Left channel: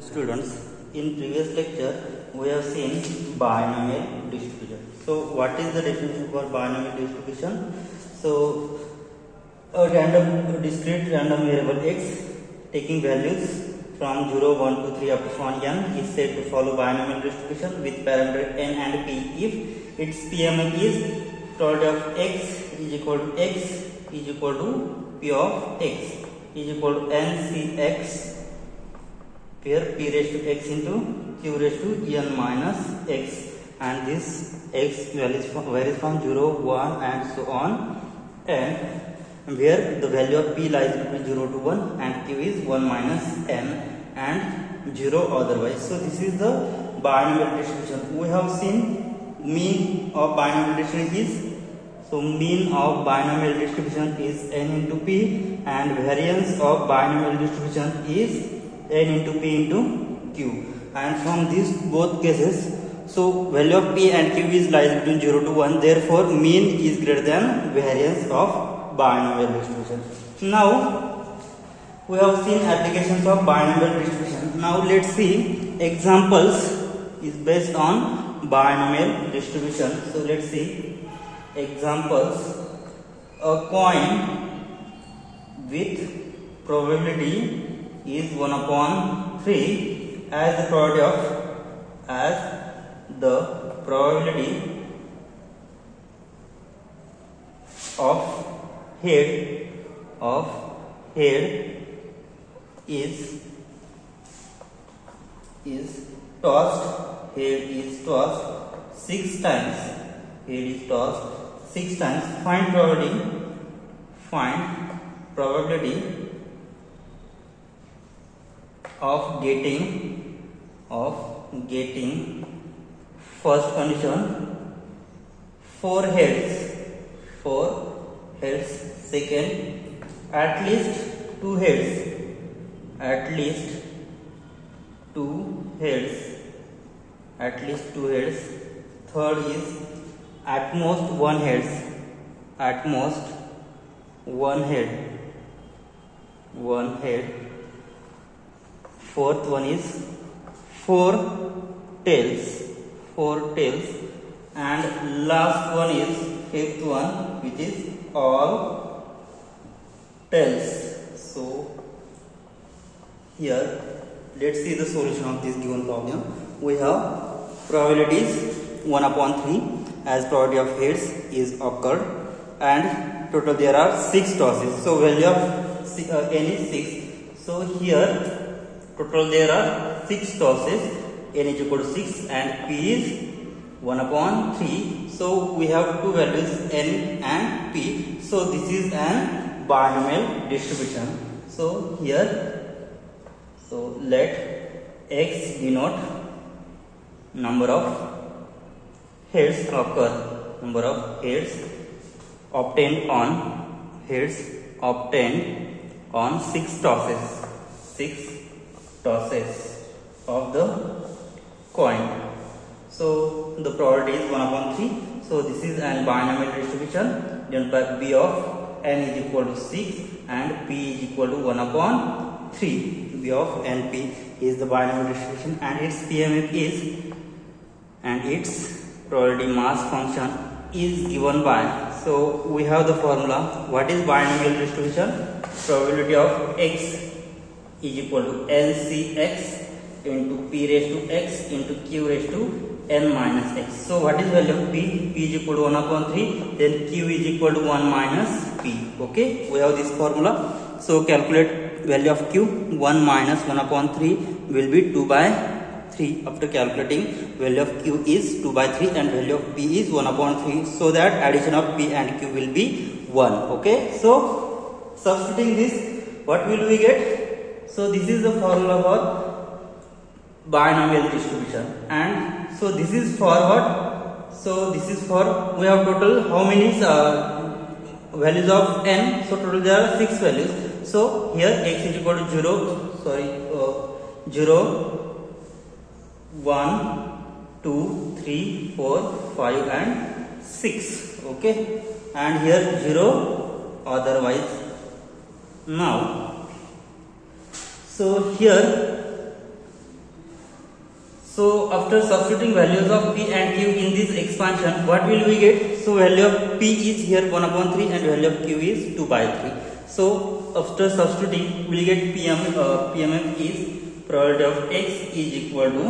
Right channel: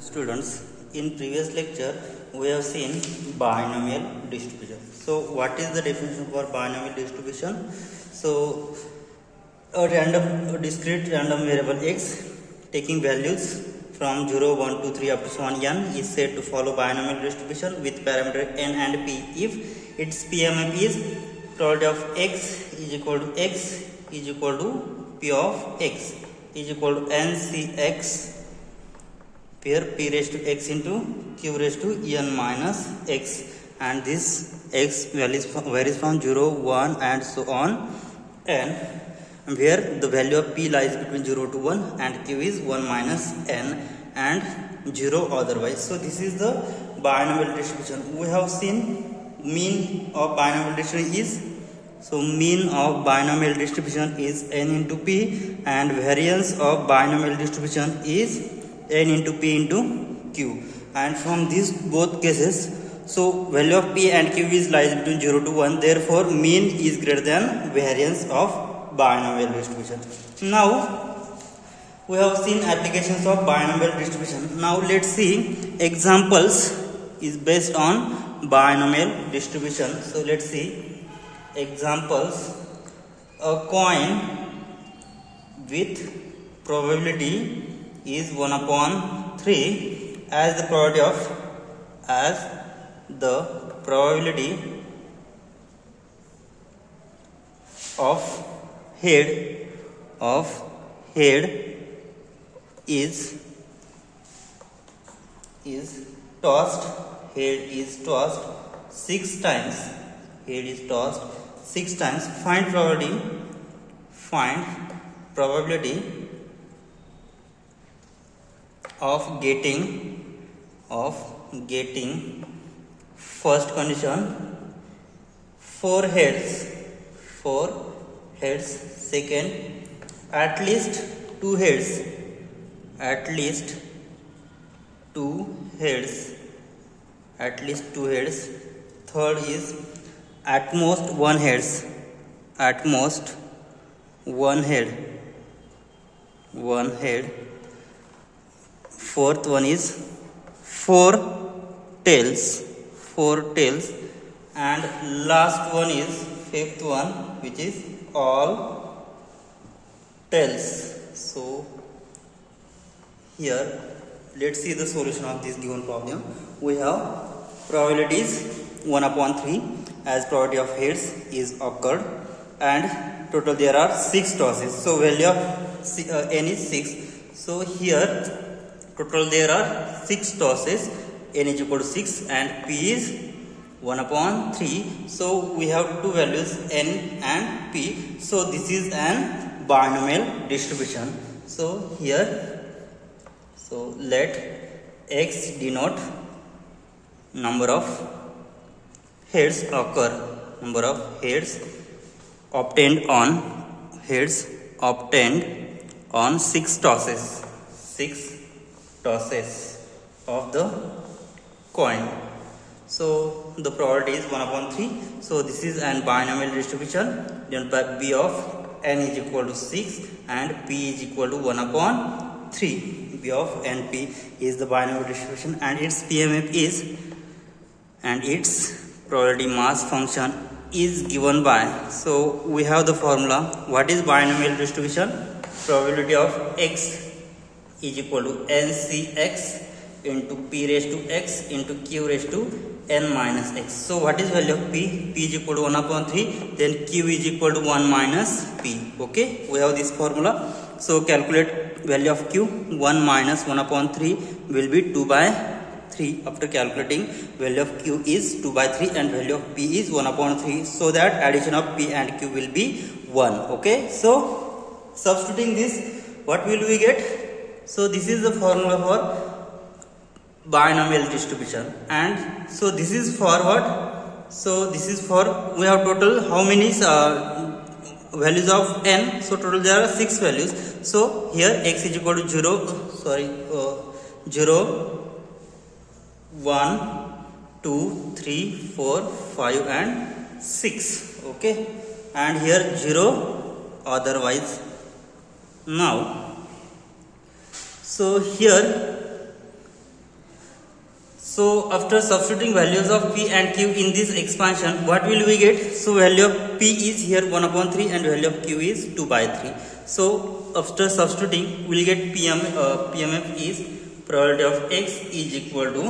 Students, in previous lecture we have seen binomial distribution. So what is the definition for binomial distribution? So a discrete random variable x taking values from 0, 1, 2, 3 up to 1 n is said to follow binomial distribution with parameter n and p if its PMF is probability of x is equal to x is equal to p of x is equal to ncx, where p raised to x into q raised to n minus x, and this x varies from 0, 1 and so on, and where the value of p lies between 0 to 1 and q is 1 minus n and 0 otherwise. So this is the binomial distribution. We have seen mean of binomial distribution is, so mean of binomial distribution is n into p, and variance of binomial distribution is n into p into q, and from these both cases, so value of p and q is lies between 0 to 1, therefore mean is greater than variance of binomial distribution. Now we have seen applications of binomial distribution. Now let's see examples is based on binomial distribution. So let's see examples. A coin with probability is 1 upon 3 as the probability of head is tossed 6 times. Head is tossed 6 times. Find probability of getting first condition 4 heads, second at least 2 heads, third is at most 1 head, fourth one is 4 tails, and last one is fifth one, which is all tails. So here let's see the solution of this given problem. We have probabilities 1 upon 3 as probability of heads is occurred, and total there are 6 tosses. So value of n is 6. So here total there are 6 tosses, n is equal to 6 and p is 1 upon 3. So we have two values n and p. So this is an binomial distribution. So here, so let x denote number of heads occur, number of heads obtained on 6 tosses of the coin. So the probability is 1 upon 3. So this is an binomial distribution. Then by b of n is equal to 6 and p is equal to 1 upon 3. b of n p is the binomial distribution, and its PMF is, and its probability mass function is given by, so we have the formula. What is binomial distribution? Probability of x is equal to ncx into p raised to x into q raised to n minus x. So what is value of p? P is equal to 1 upon 3, then q is equal to 1 minus p. Okay, we have this formula. So calculate value of q. 1 minus 1 upon 3 will be 2 by 3. After calculating, value of q is 2 by 3 and value of p is 1 upon 3, so that addition of p and q will be 1. Okay, so substituting this, what will we get? So this is the formula for binomial distribution, and so this is for what? So this is for, we have total how many values of n? So total there are 6 values. So here x is equal to 0, 1, 2, 3, 4, 5 and 6. Okay, and here 0 otherwise. Now So here So after substituting values of P and Q in this expansion, what will we get? So value of P is here 1 upon 3 and value of Q is 2 by 3. So after substituting, we will get PMF is probability of X is equal to,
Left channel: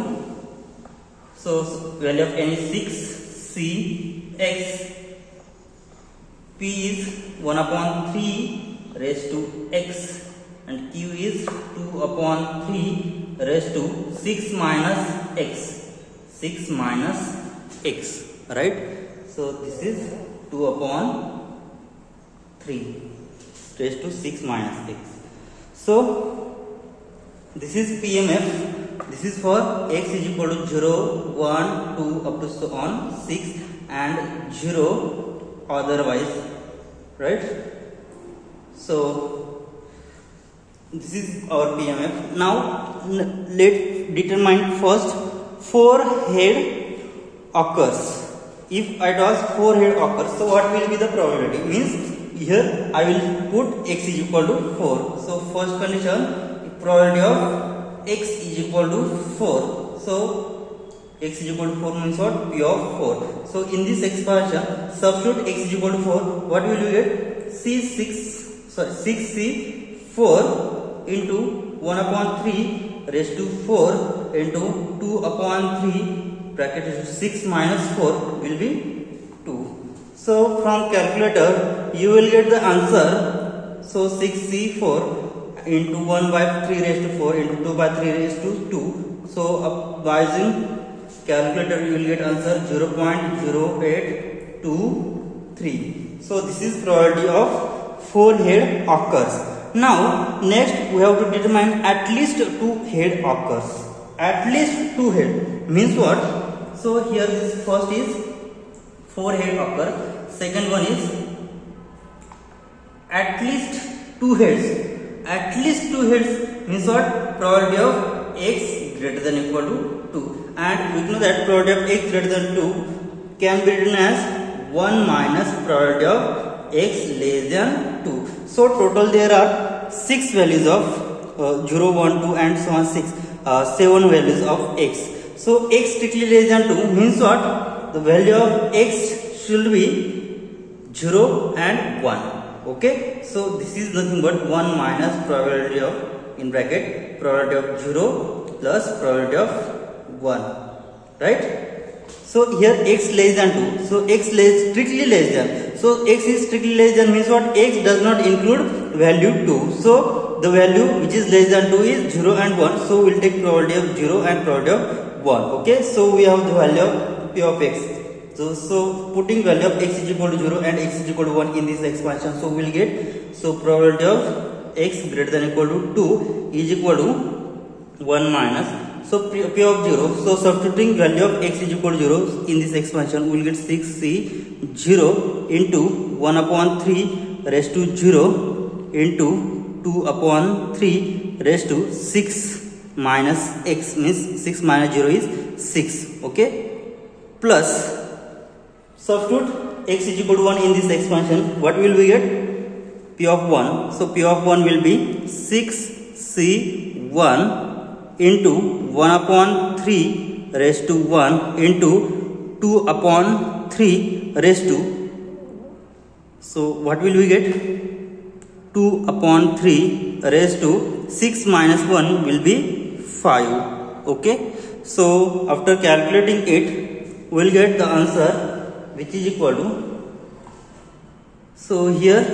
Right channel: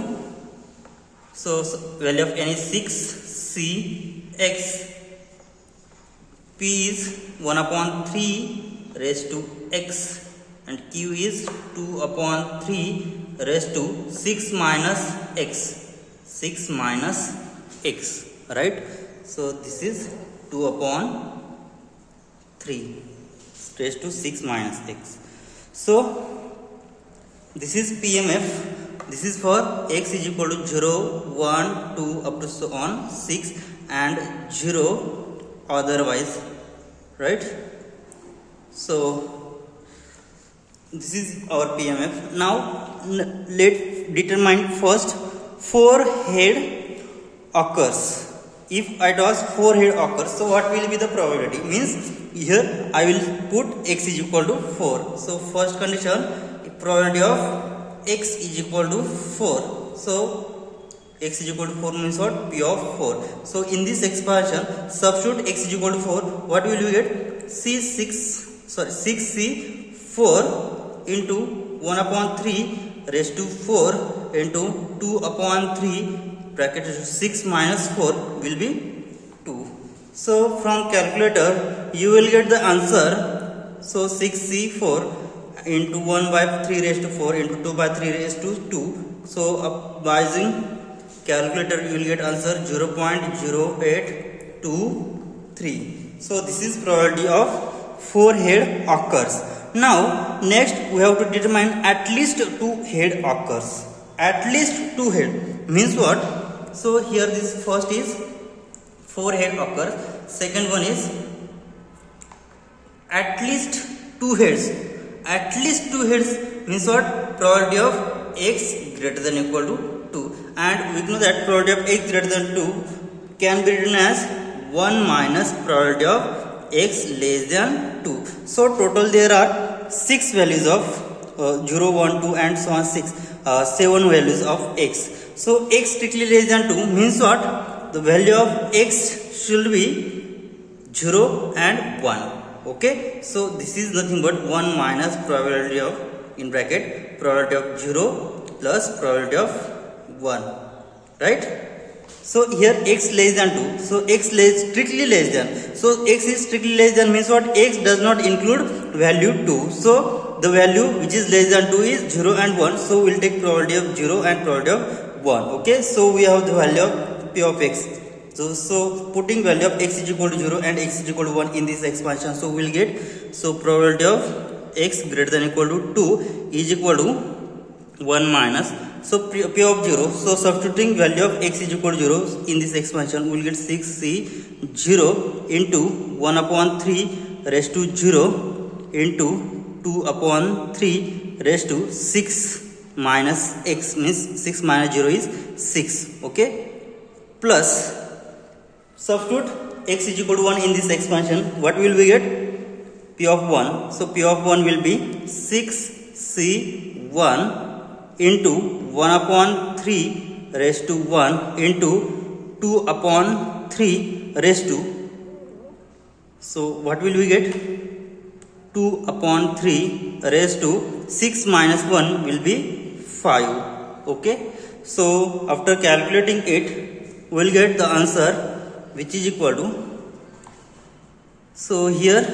so value of N is 6, C X, P is 1 upon 3 raised to X and Q is 2 upon 3 raised to 6 minus X, 6 minus X, right? So this is 2 upon 3 raised to 6 minus X. So this is PMF. This is for X is equal to 0, 1, 2 up to so on 6 and 0 otherwise, right? So this is our PMF. Now let's determine first 4 head occurs. If I toss 4 head occurs, so what will be the probability? Means here I will put X is equal to 4. So first condition, probability of X is equal to 4. So X is equal to 4 means what? P of 4. So in this expansion, substitute X is equal to 4. What will you get? 6C4 into 1 upon 3 raised to 4 into 2 upon 3 bracket 6 minus 4 will be 2. So from calculator you will get the answer. So 6C4 into 1 by 3 raised to 4 into 2 by 3 raised to 2. So by using calculator you will get answer 0.0823. So this is probability of 4 head occurs. Now next we have to determine at least 2 head occurs. At least 2 head means what? So here this first is 4 head occurs. Second one is at least 2 heads. At least 2 heads means what? Probability of X greater than equal to 2. And we know that probability of X greater than 2 can be written as 1 minus probability of X less than 2. So total there are 6 values of 0, 1, 2 and so on 6, 7 values of X. So X strictly less than 2 means what? The value of X should be 0 and 1. Okay. So this is nothing but 1 minus probability of in bracket probability of 0 plus probability of 1. Right. So here X less than 2. So X strictly less than. So X is strictly less than means what? X does not include value 2. So the value which is less than 2 is 0 and 1. So we will take probability of 0 and probability of 1. Okay. So we have the value of P of X. So putting value of X is equal to 0 and X is equal to 1 in this expansion. So we will get, so probability of X greater than equal to 2 is equal to 1 minus. So P of 0. So substituting value of X is equal to 0 in this expansion, we will get 6C0 into 1 upon 3 raised to 0 into 2 upon 3 raised to 6 minus X means 6 minus 0 is 6. Okay. Plus substitute X is equal to 1 in this expansion. What will we get? P of 1. So P of 1 will be 6C1 into 1 upon 3 raised to 1 into 2 upon 3 raised to, so what will we get? 2 upon 3 raised to 6 minus 1 will be 5. Okay. So after calculating it, we will get the answer which is equal to, so here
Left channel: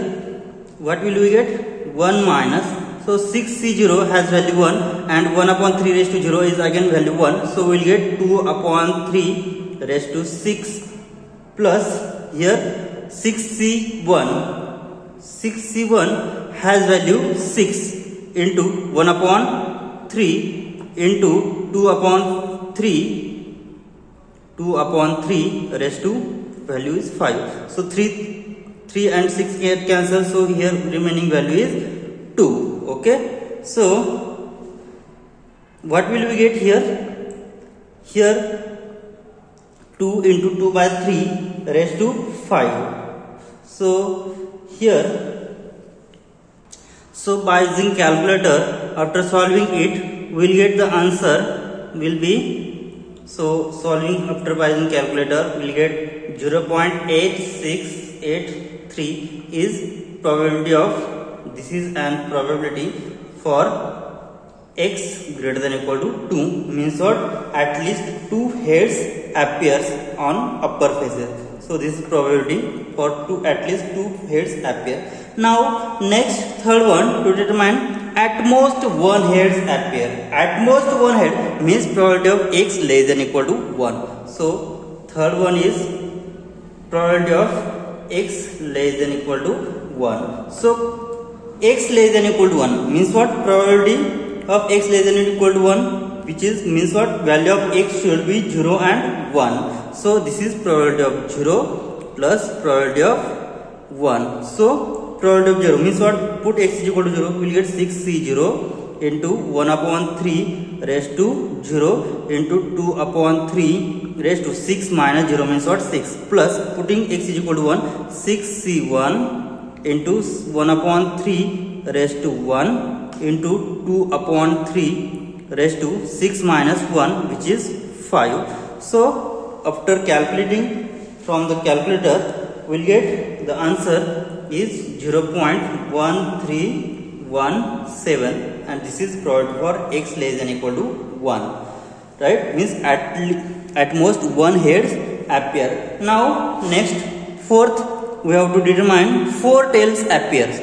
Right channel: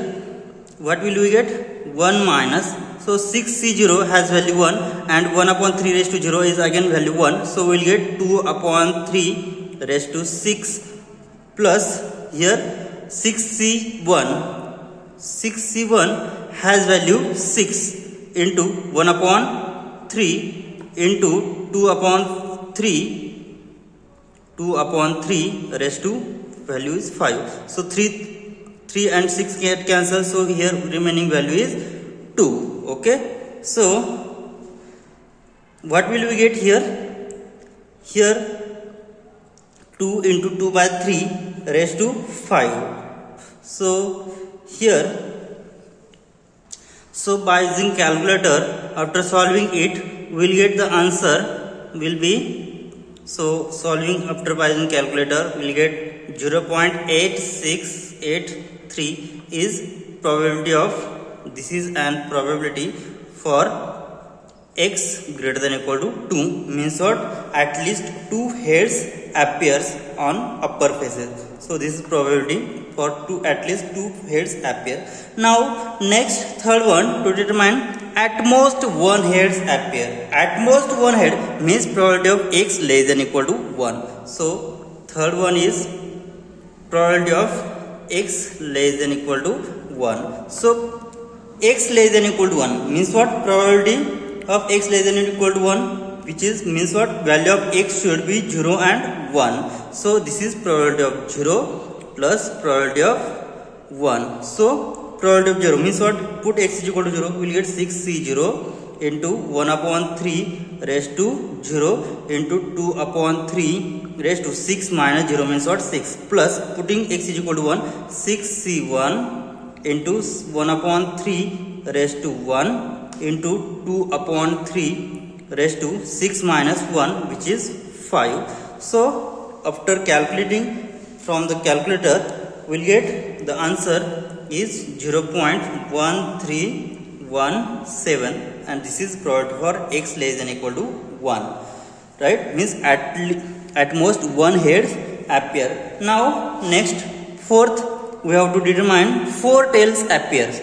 what will we get? 1 minus, so 6C0 has value 1 and 1 upon 3 raised to 0 is again value 1. So we will get 2 upon 3 raised to 6 plus here 6C1 has value 6 into 1 upon 3 into 2 upon 3 raised to value is 5. So 3 and 6 get cancelled. So here remaining value is 2. Okay. So what will we get here? Here 2 into 2 by 3 raised to 5. So here, so by using calculator after solving it, we will get the answer will be So solving after using calculator, we'll get 0.8683 is probability of, this is an probability for x greater than equal to 2, means what, at least 2 heads appears on upper faces. So this is probability for at least 2 heads appear. Now next third one, to determine at most 1 heads appear. At most 1 head means probability of x less than equal to 1. So third one is probability of x less than equal to 1. So x less than equal to 1 means what, probability of x less than equal to 1, which is means what, value of x should be 0 and 1. So this is probability of 0 plus probability of 1. So probability of 0 means what, put x is equal to 0, we will get 6c0 into 1 upon 3 raised to 0 into 2 upon 3 raised to 6 minus 0 means what, 6, plus putting x is equal to 1, 6c1 into 1 upon 3 raised to 1 into 2 upon 3 raised to 6 minus 1, which is 5. So after calculating from the calculator, we'll get the answer is 0.1317, and this is probability for x less than equal to 1, right? Means at most 1 heads appear. Now next fourth, we have to determine 4 tails appears.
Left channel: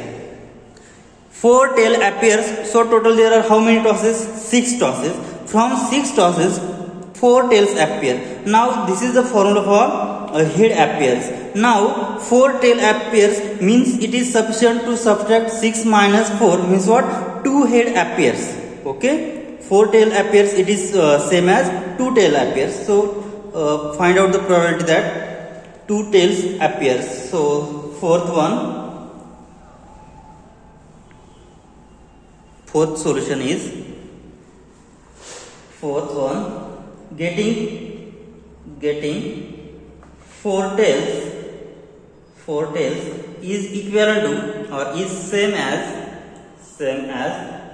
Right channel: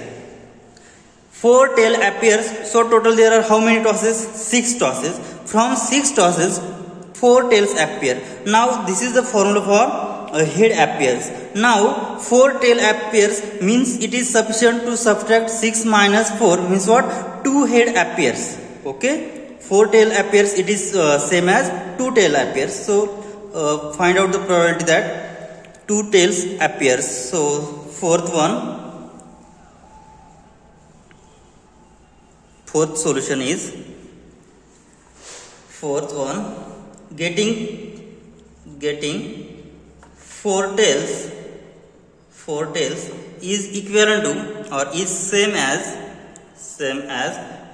4 tail appears. So total there are how many tosses? 6 tosses. From 6 tosses 4 tails appear. Now this is the formula for a head appears. Now 4 tail appears means it is sufficient to subtract 6 minus 4 means what, 2 head appears. Okay, 4 tail appears, it is same as 2 tail appears. So find out the probability that 2 tails appears. So fourth solution is getting 4 tails is equivalent to or is same as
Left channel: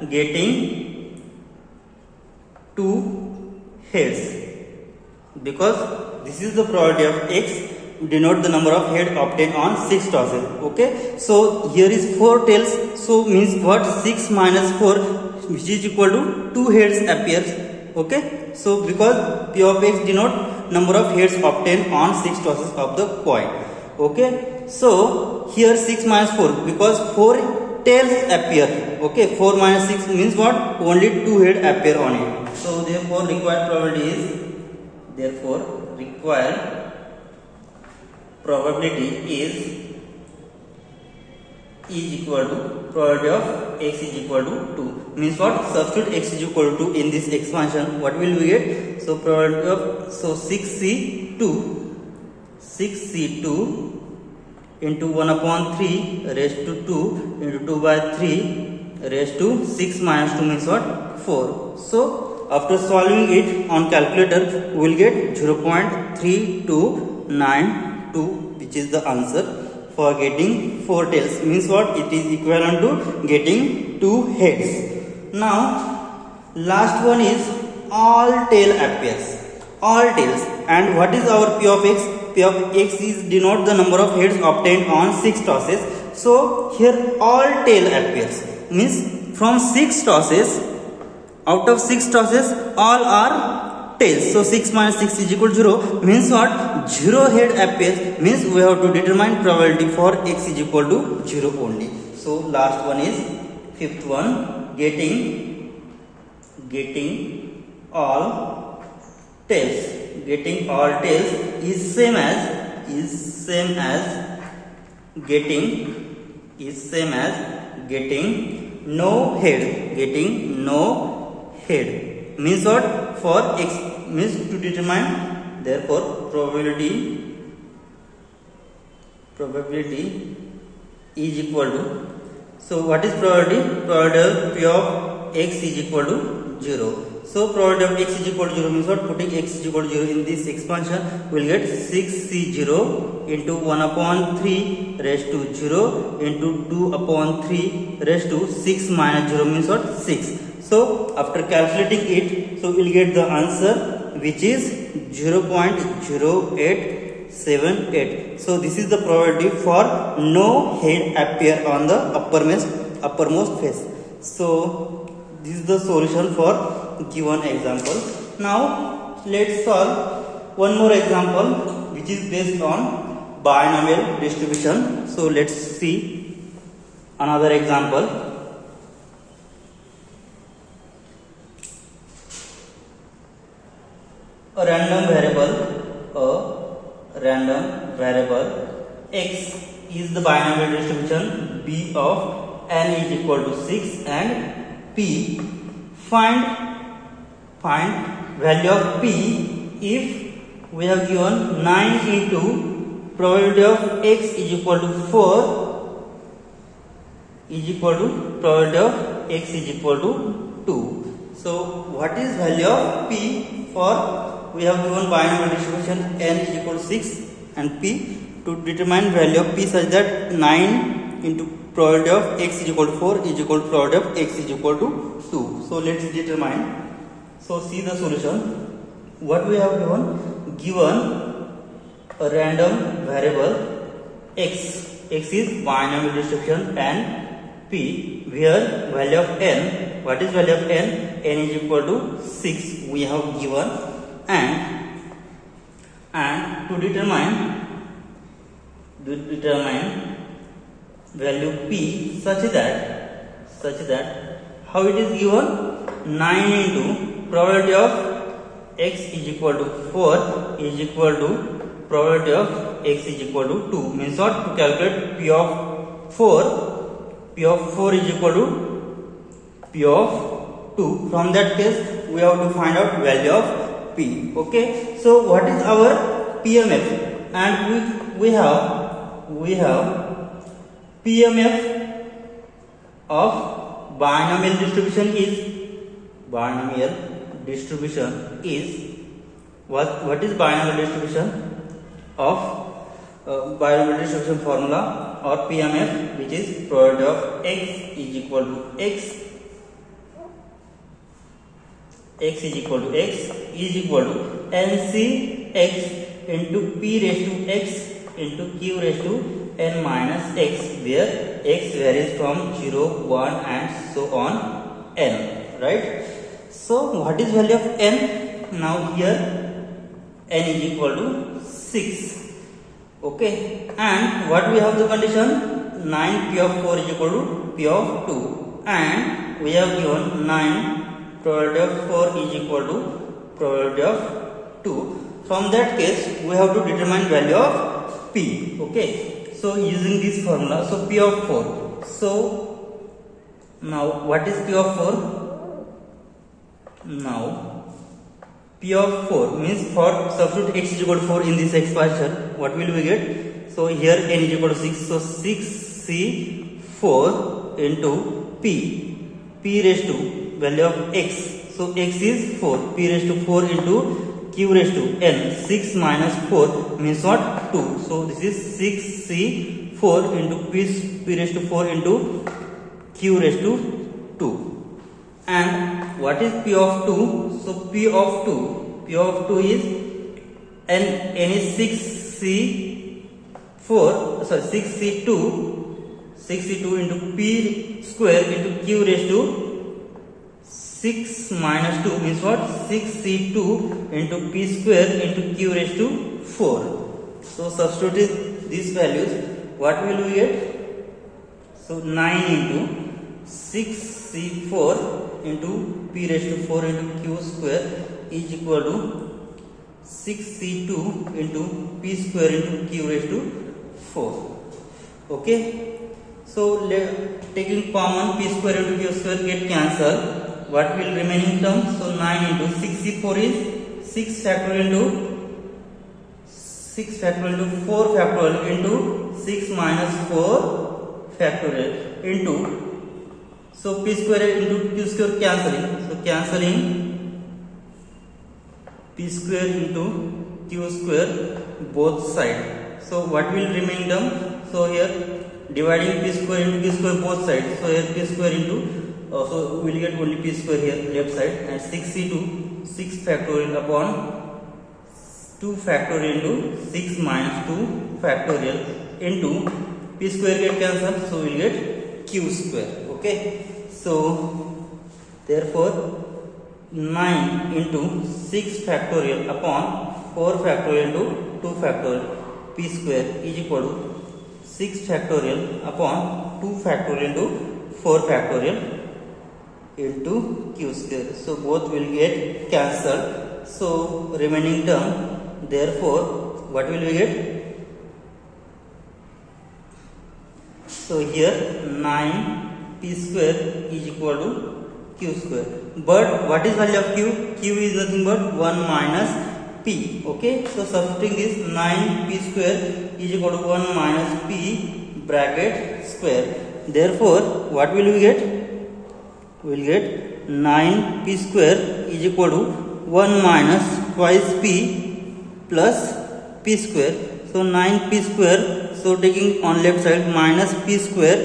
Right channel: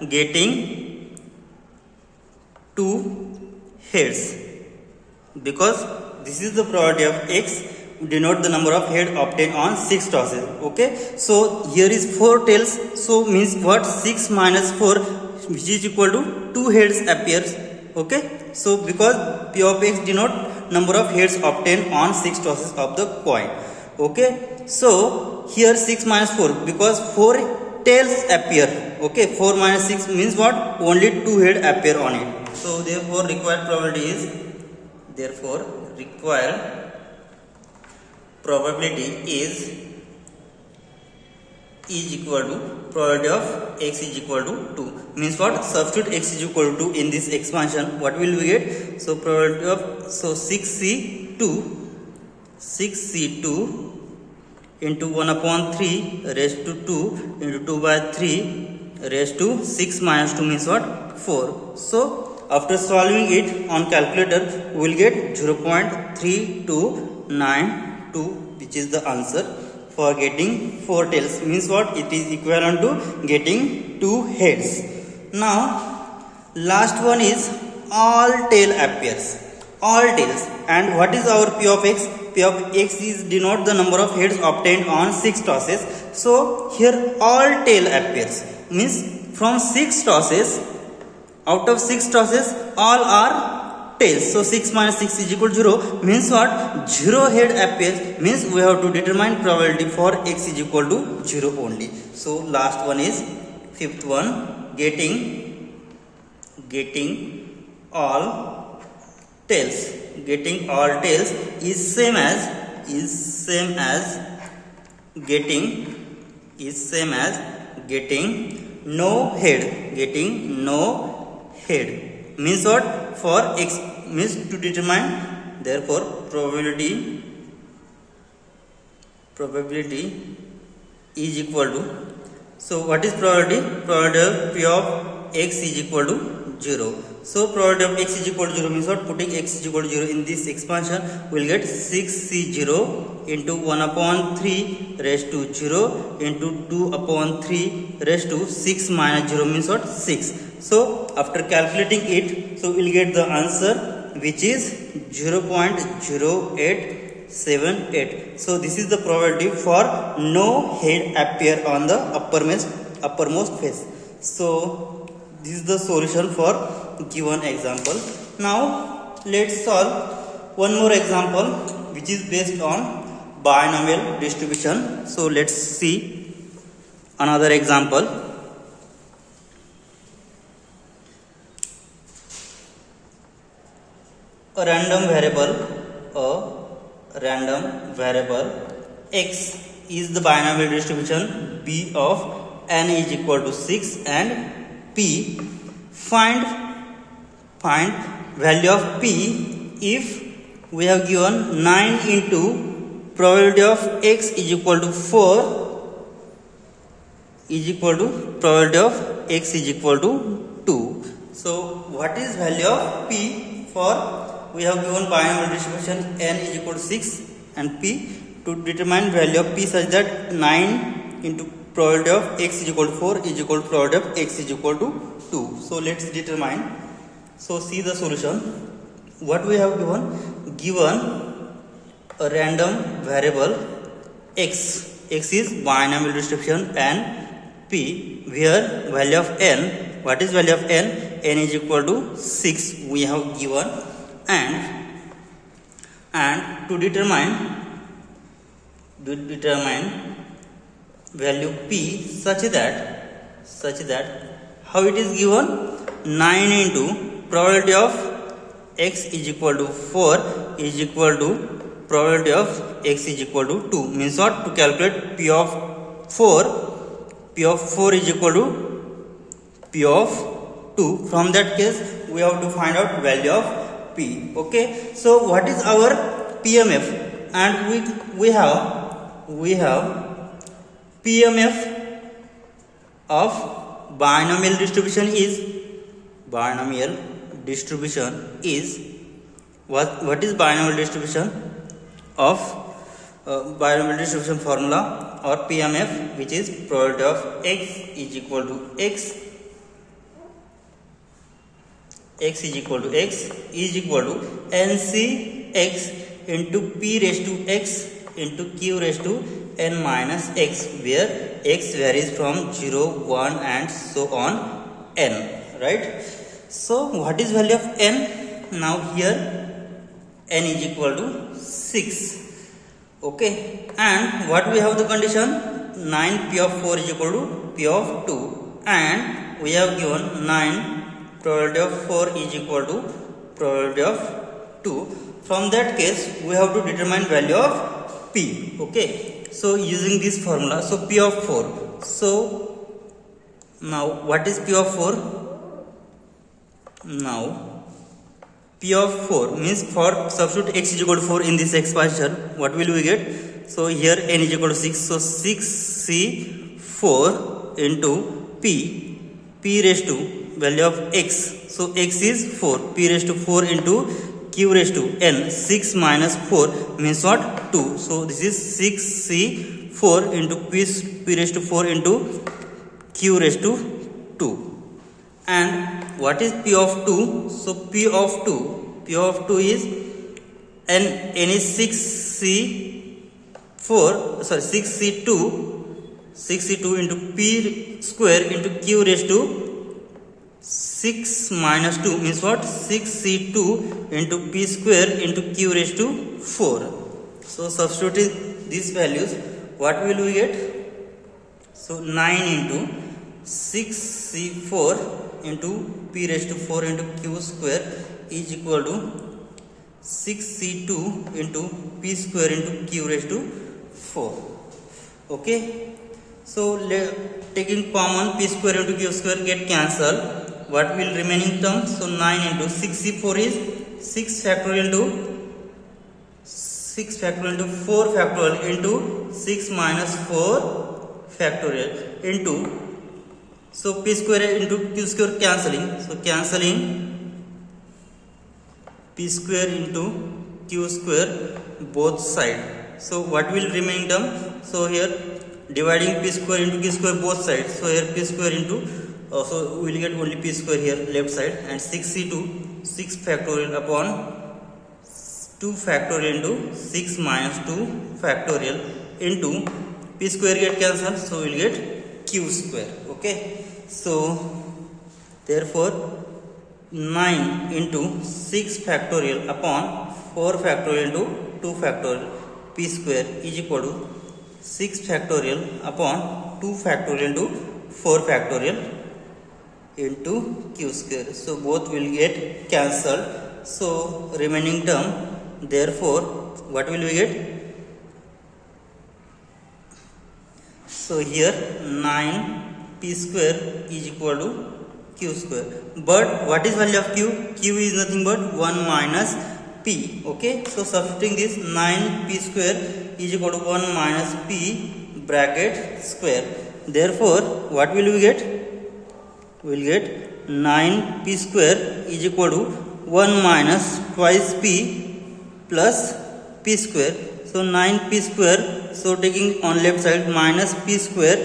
getting 2 heads, because this is the probability of x denote the number of head obtained on 6 tosses. Okay, so here is 4 tails, so means what, 6 minus 4 which is equal to 2 heads appears. Okay, so because p of x denote number of heads obtained on 6 tosses of the coin. Okay, so here 6 minus 4 because 4 tails appear. Okay, 4 minus 6 means what, only 2 head appear on it. So therefore required probability is equal to probability of x is equal to 2. Means what, substitute x is equal to 2 in this expansion, what will we get? So probability of, so 6c2 into 1 upon 3 raised to 2 into 2 by 3 raised to 6 minus 2 means what, 4. So after solving it on calculator, we will get 0.3292, which is the answer for getting 4 tails. Means what, it is equivalent to getting 2 heads. Now last one is all tail appears. All tails. And what is our p of x? P of x is denote the number of heads obtained on 6 tosses. So here all tail appears. Means from 6 tosses, out of 6 tosses all are tails. So 6 minus 6 is equal to 0 means what, 0 head appears, means we have to determine probability for x is equal to 0 only. So last one is fifth one, getting all tails. Getting all tails is same as getting no head. Getting no head means what, for x means to determine, therefore probability is equal to, so what is probability? Probability of p of x is equal to 0. So probability of x is equal to 0 means what, putting x is equal to 0 in this expansion, we will get 6c0 into 1 upon 3 raised to 0 into 2 upon 3 raised to 6 minus 0 means what, 6. So after calculating it, so we will get the answer which is 0.0878. So this is the probability for no head appear on the uppermost face. So this is the solution for given example. Now let's solve one more example which is based on binomial distribution. So let's see another example. A random variable x is the binomial distribution b of n is equal to 6 and p. Find value of p if we have given 9 into probability of x is equal to 4 is equal to probability of x is equal to 2. So what is value of p for we have given binomial distribution n is equal to 6 and p. To determine value of p such that 9 into probability of x is equal to 4 is equal to probability of x is equal to 2. So let's determine. So see the solution. What we have given a random variable x is binomial distribution and p, where value of n, what is value of n is equal to 6 we have given, and to determine value p such that how it is given, 9 into probability of x is equal to 4 is equal to probability of x is equal to 2. Means what? To calculate p of 4 is equal to p of 2. From that case we have to find out value of p. Okay, so what is our PMF? And we have PMF of binomial distribution is what is binomial distribution of binomial distribution formula or PMF, which is probability of x is equal to x is equal to NCx into p raised to x into q raised to n minus x, where x varies from 0, 1 and so on n, right? So what is value of n? Now here n is equal to 6. Okay, and what we have the condition, 9 p of 4 is equal to p of 2, and we have given 9 probability of 4 is equal to probability of 2. From that case we have to determine value of p. Okay, so using this formula, so p of 4. So now what is p of 4? Now p of 4 means, for substitute x is equal to 4 in this expression, what will we get? So here n is equal to 6, so 6c4 into p raised to value of x, so x is 4, p raised to 4 into q raised to n, 6 minus 4 means what? 2. So this is 6c4 into p raised to 4 into q raised to 2. And what is p of 2? So p of 2 is n is 6c2 into p square into q raised to 6 minus 2 means what? 6c2 into p square into q raised to 4. So substitute these values, what will we get? So 9 into 6c4 into p raised to 4 into q square is equal to 6c2 into p square into q raised to 4. Okay, so taking common, p square into q square get cancelled. What will remaining term? So 9 into 6c4 is 6 factorial into 4 factorial into 6 minus 4 factorial into, so p square into q square cancelling, so cancelling p square into q square both side. So what will remain term? So here dividing p square into q square both sides, so here p square into, so we will get only p square here left side, and 6c2, 6 factorial upon 2 factorial into 6 minus 2 factorial into p square get cancelled, so we will get q square. Okay, so therefore 9 into 6 factorial upon 4 factorial into 2 factorial p square is equal to 6 factorial upon 2 factorial into 4 factorial into q square. So both will get cancelled. So remaining term, therefore what will we get? So here 9p square is equal to q square. But what is value of q? Q is nothing but 1 minus p. Okay, so substituting this, 9p square is equal to 1 minus p bracket square. Therefore what will we get? We will get 9p square is equal to 1 minus twice p plus p square. So 9p square, so taking on left side minus p square,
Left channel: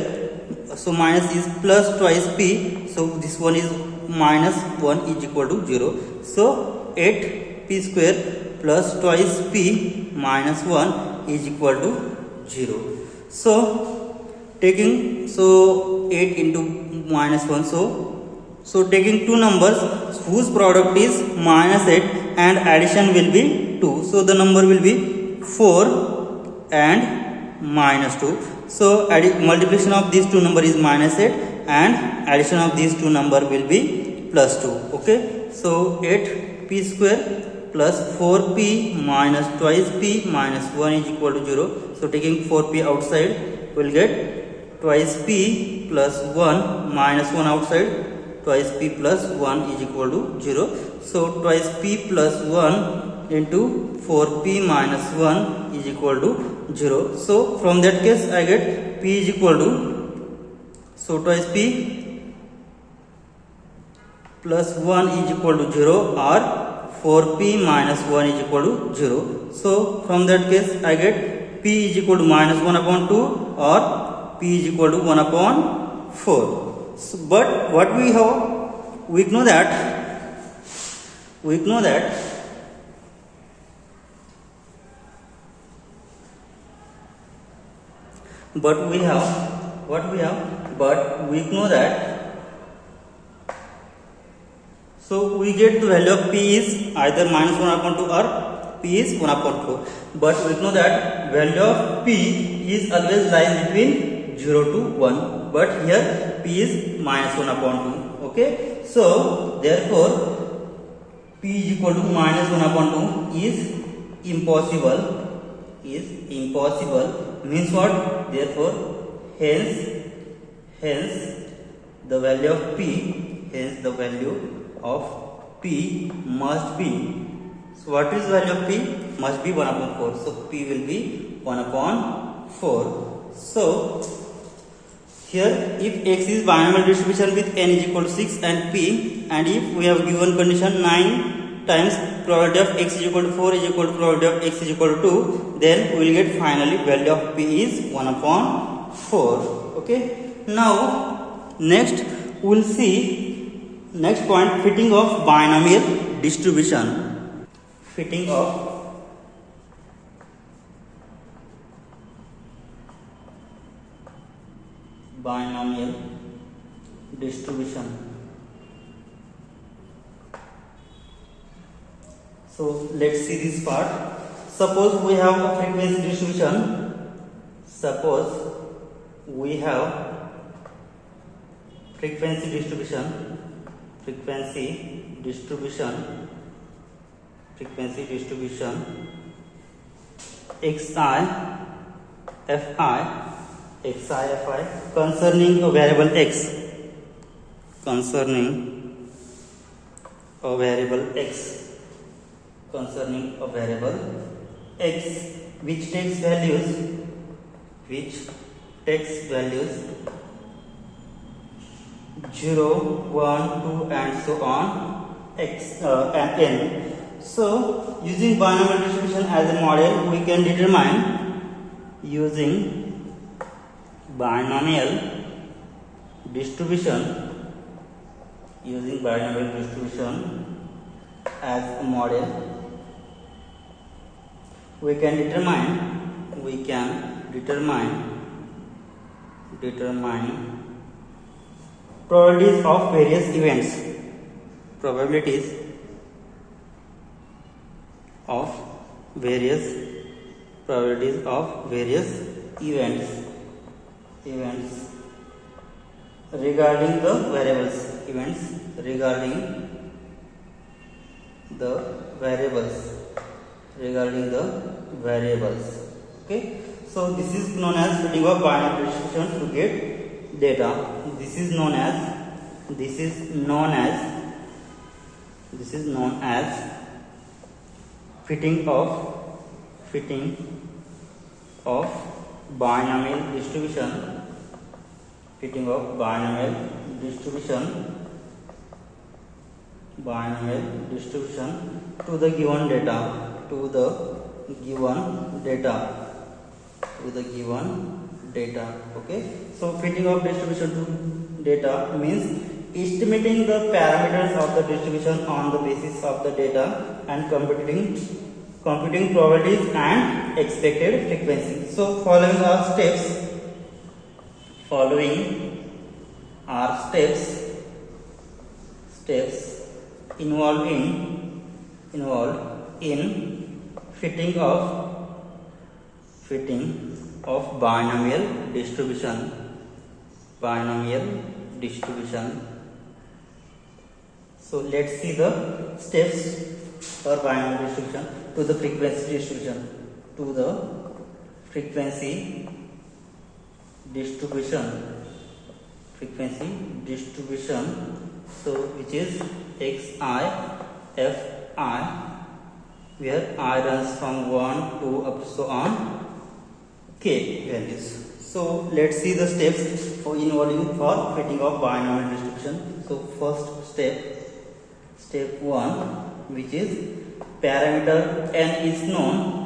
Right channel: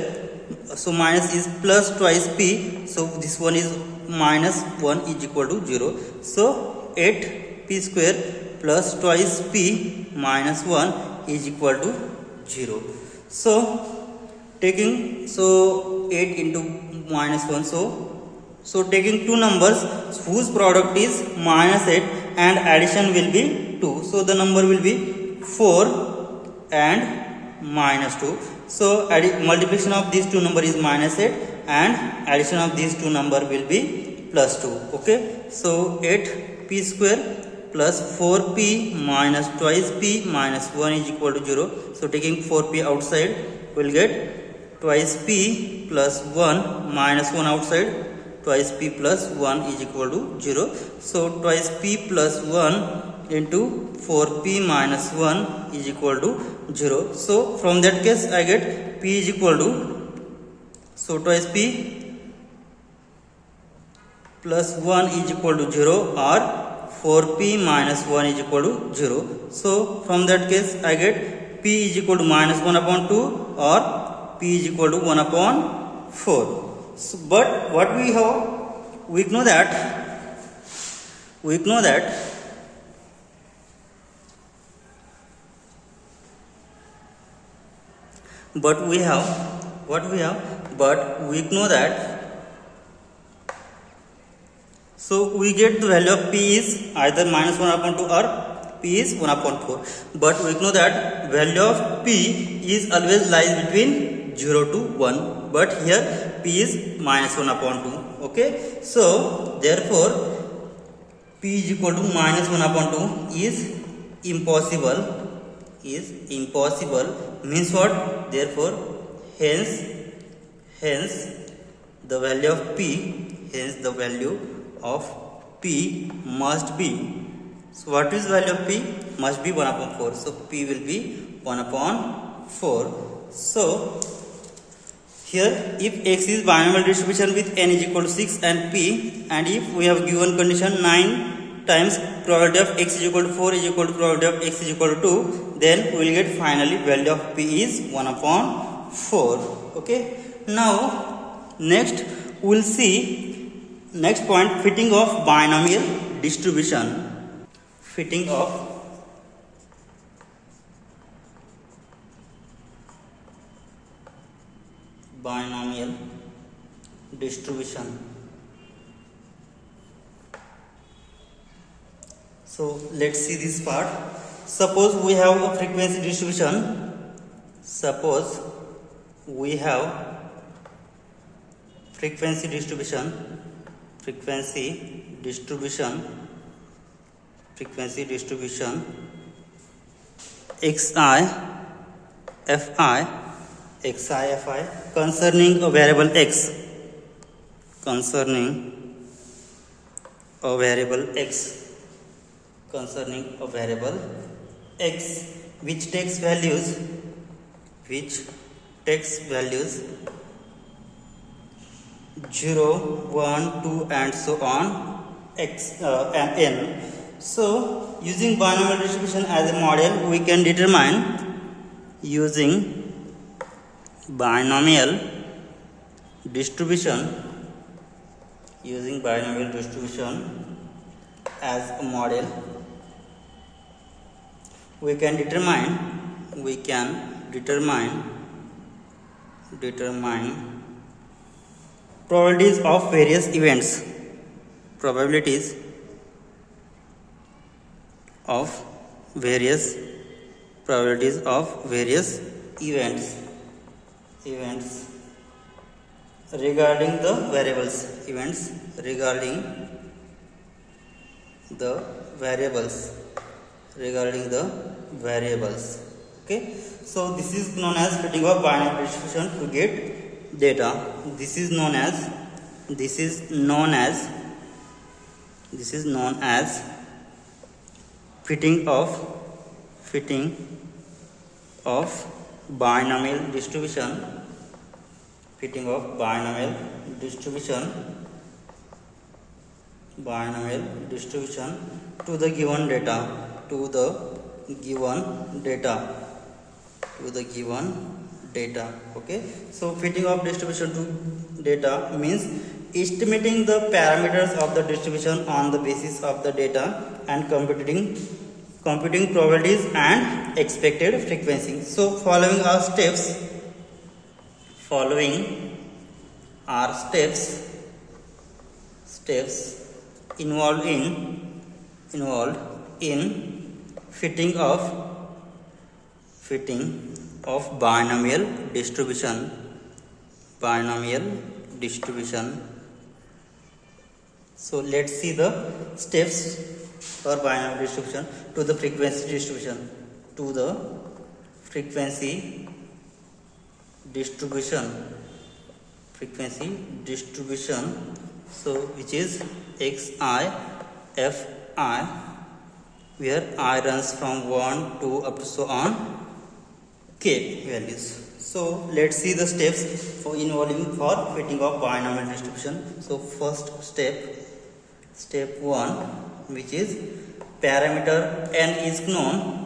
so minus is plus twice p, so this one is minus 1 is equal to 0. So 8p square plus twice p minus 1 is equal to 0. So taking, so 8 into minus 1, so taking two numbers whose product is minus 8 and addition will be 2, so the number will be 4 and minus 2. So multiplication of these two number is minus 8 and addition of these two number will be plus 2. Okay, so 8p square plus 4p minus twice p minus 1 is equal to 0. So taking 4p outside, we will get twice p plus 1 minus 1 outside, twice p plus 1 is equal to 0. So twice p plus 1 into 4p minus 1 is equal to 0. So from that case I get p is equal to, so twice p plus 1 is equal to 0 or 4p minus 1 is equal to 0. So from that case I get p is equal to minus 1 upon 2 or p is equal to 1 upon 4. So, but what we have, we know that but we know that, so we get the value of p is either minus 1 upon 2 or p is 1 upon 4. But we know that value of p is always lies between 0 to 1. But here p is minus 1 upon 2. Okay, so therefore p is equal to minus 1 upon 2 is impossible. Means what? Therefore hence the value of p must be, so what is value of p? Must be 1 upon 4. So p will be 1 upon 4. So here if x is binomial distribution with n is equal to 6 and p, and if we have given condition 9 times probability of x is equal to 4 is equal to probability of x is equal to 2, then we will get finally value of p is 1 upon 4. Okay, now next we will see next point, fitting of binomial distribution. Fitting of binomial distribution. So let's see this part. Suppose we have a frequency distribution. Frequency distribution xi fi concerning a variable x, which takes values 0, 1, 2 and so on and n. So using binomial distribution as a model, we can determine, using binomial distribution as a model, we can determine probabilities of various events, regarding the variables, okay. So this is known as fitting of binary distribution to get data. This is known as fitting of binomial distribution to the given data, okay. So fitting of distribution to data means estimating the parameters of the distribution on the basis of the data and computing probabilities and expected frequency. So following are steps involved in fitting of binomial distribution. So let's see the steps for binomial distribution to the frequency distribution. So which is xi fi, where I runs from 1 to up to so on k values. So let's see the steps involving for fitting of binomial distribution. So first step 1, which is parameter n is known.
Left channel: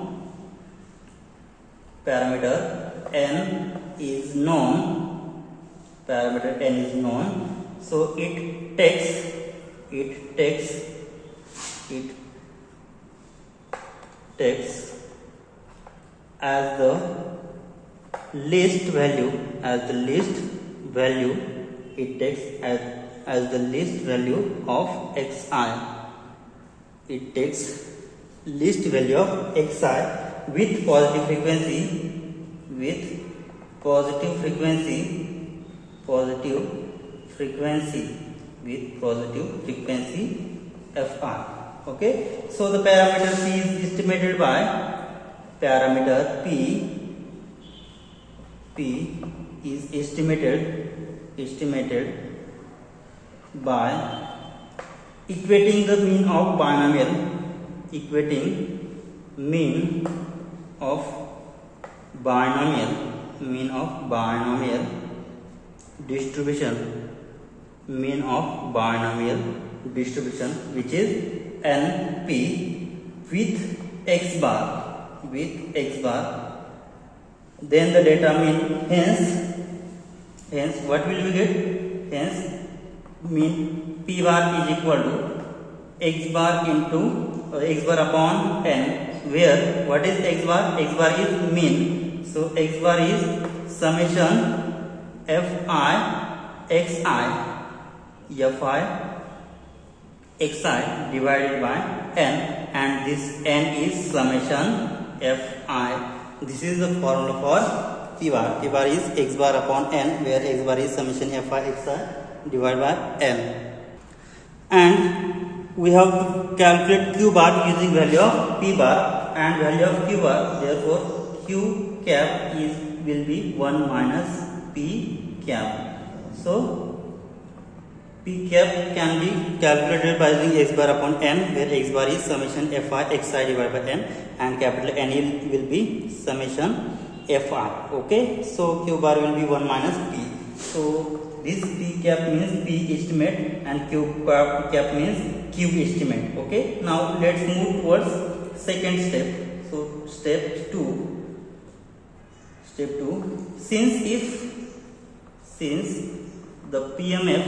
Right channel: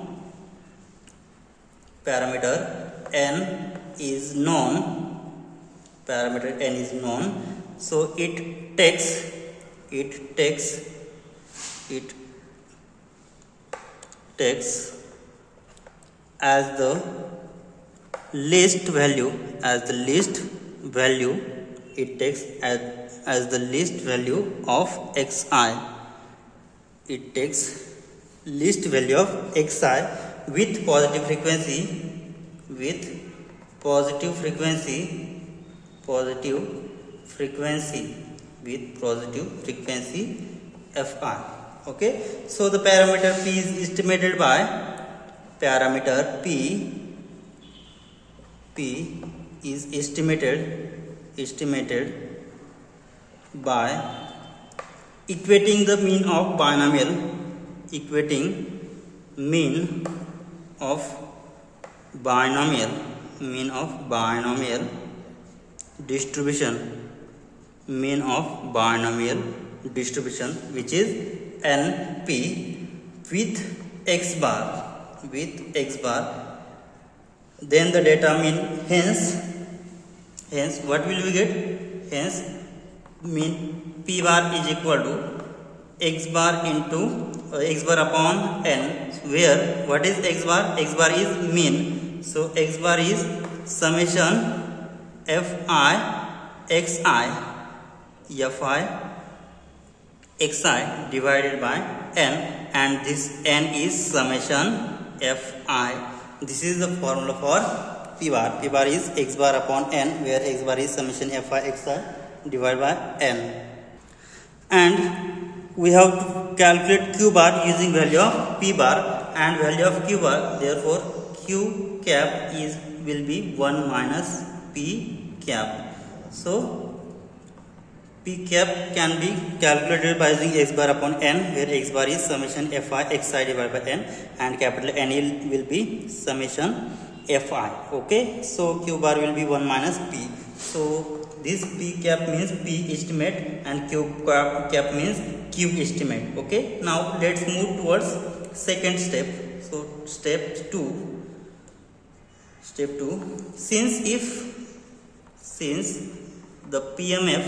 So it takes as the least value of xi. With positive frequency fi. Okay, so the parameter p is estimated by equating the mean of binomial distribution, which is np with x bar. Then the data mean, hence what will we get? Hence mean p bar is equal to x bar upon n, where what is x bar? X bar is mean. So x bar is summation fi xi divided by n, and this n is summation fi. This is the formula for p bar. P bar is x bar upon n, where x bar is summation fi xi divided by n. And we have to calculate q bar using value of p bar and value of q bar. Therefore q cap will be 1 minus p cap. So p cap can be calculated by using x bar upon n, where x bar is summation fi xi divided by n, and capital N will be summation fi. Okay, so q bar will be 1 minus p. So this p cap means p estimate and q cap means q estimate. Okay, now let's move towards second step. So step 2, since the PMF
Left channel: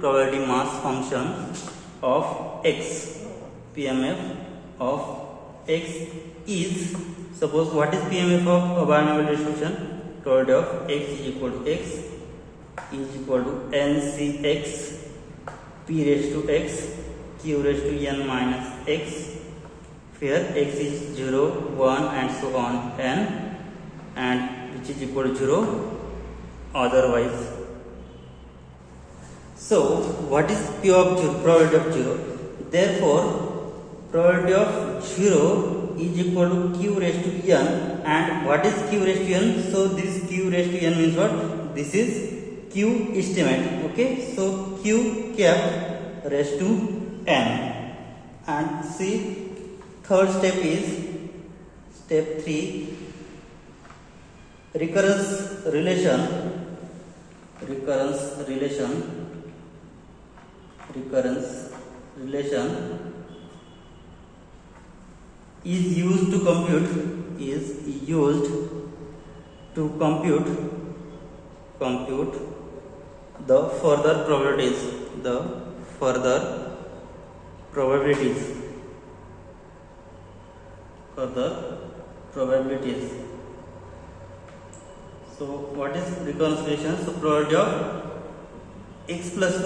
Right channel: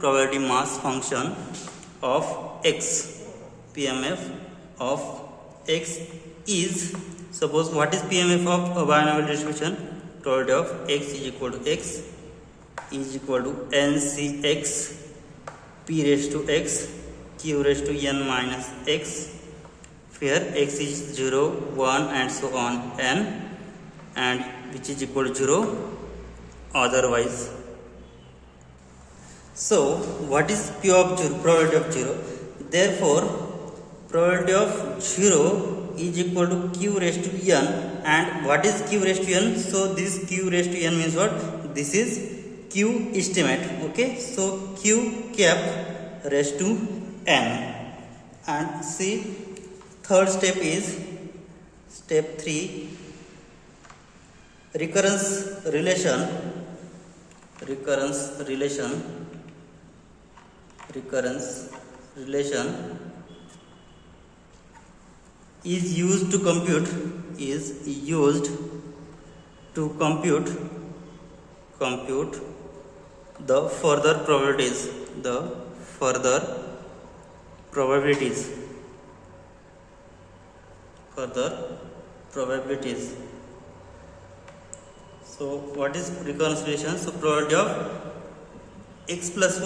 probability mass function of x PMF of x is, suppose what is PMF of a binomial distribution? Probability of x is equal to x is equal to NCx p raised to x q raised to n minus x, where x is 0, 1 and so on n, and which is equal to 0 otherwise. So what is P of 0? Probability of 0. Therefore probability of 0 is equal to q raised to n. And what is q raised to n? So this q raised to n means what? This is q estimate. Okay, so q cap raised to n. And see, third step is step 3, recurrence relation is used to compute the further probabilities. So what is recurrence relation? So probability of x plus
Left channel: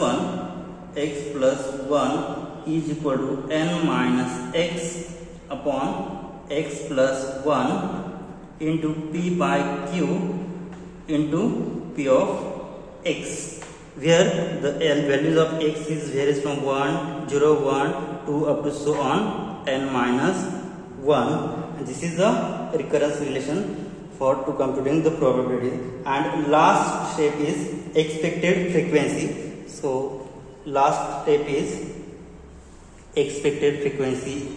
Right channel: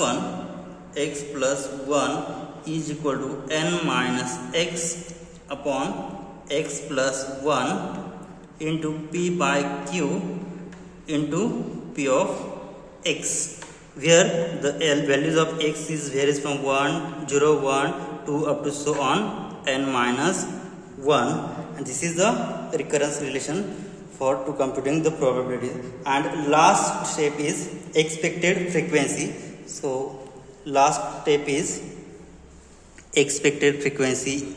1 is equal to n minus x upon x plus 1 into p by q into p of x, where the values of x varies from 1, 0, 1, 2 up to so on n minus 1, and this is the recurrence relation to computing the probability. And last step is expected frequency. So last step is expected frequency.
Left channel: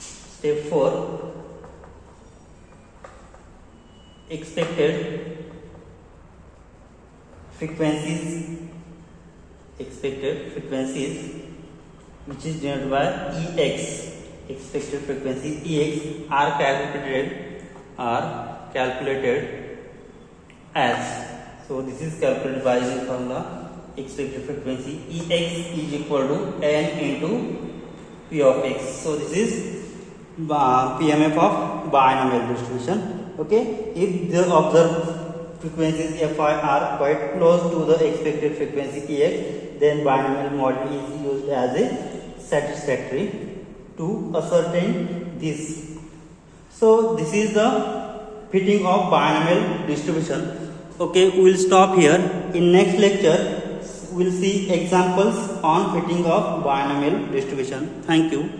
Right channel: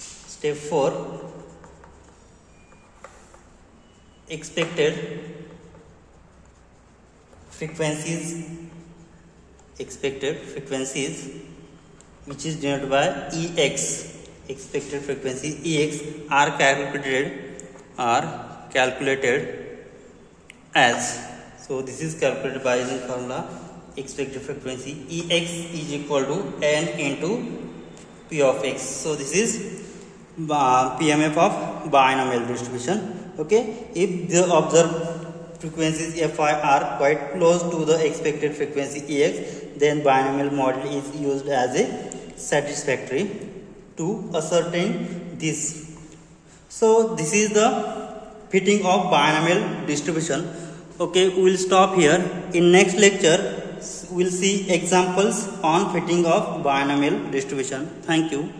Step 4, expected frequencies, which is denoted by EX. Expected frequency EX are calculated as, so this is calculated by the formula expected frequency EX is equal to n into P of x. So this is PMF of binomial distribution. Okay, if the observed frequencies Fi are quite close to the expected frequency Ex, then binomial model is used as a satisfactory to ascertain this. So this is the fitting of binomial distribution. Okay, we will stop here. In next lecture we will see examples on fitting of binomial distribution. Thank you.